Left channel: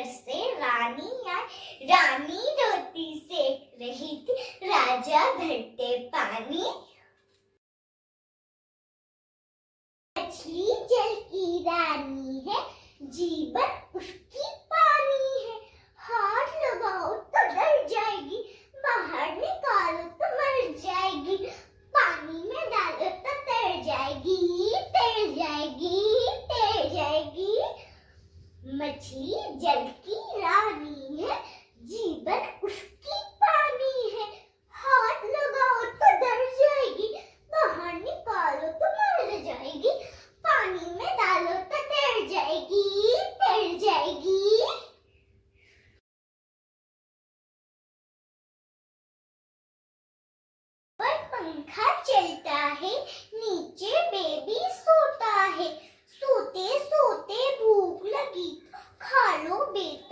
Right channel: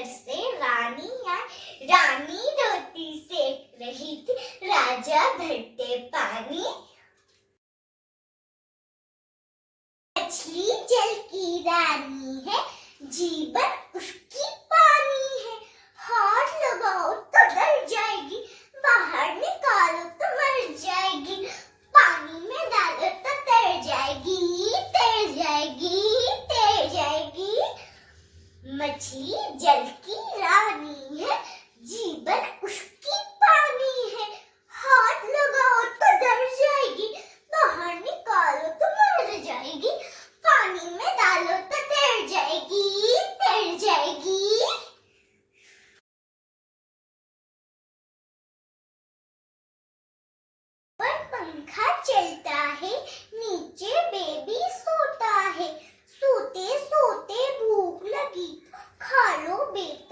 घर से रानी आई, रानी रोटी सेक रही थी, राजा धरते पानी। मछली जल की रानी है, जीवन उसकी पानी है, हाथ लगाओ तो डर जाएगी, बाहर निकालो तो मर जाएगी, पानी में डालो तो तैर जाएगी, तैर जाएगी, तैर जाएगी। मछली जल की रानी है, जीवन उसकी पानी है, हाथ लगाओ तो डर जाएगी, बाहर निकालो तो मर जाएगी, पानी में डालो तो तैर जाएगी, तैर जाएगी। पर पंखा चलता है, नीचे बेबी सोता है, सोते सोते भूख लगी, खा लो बेबी।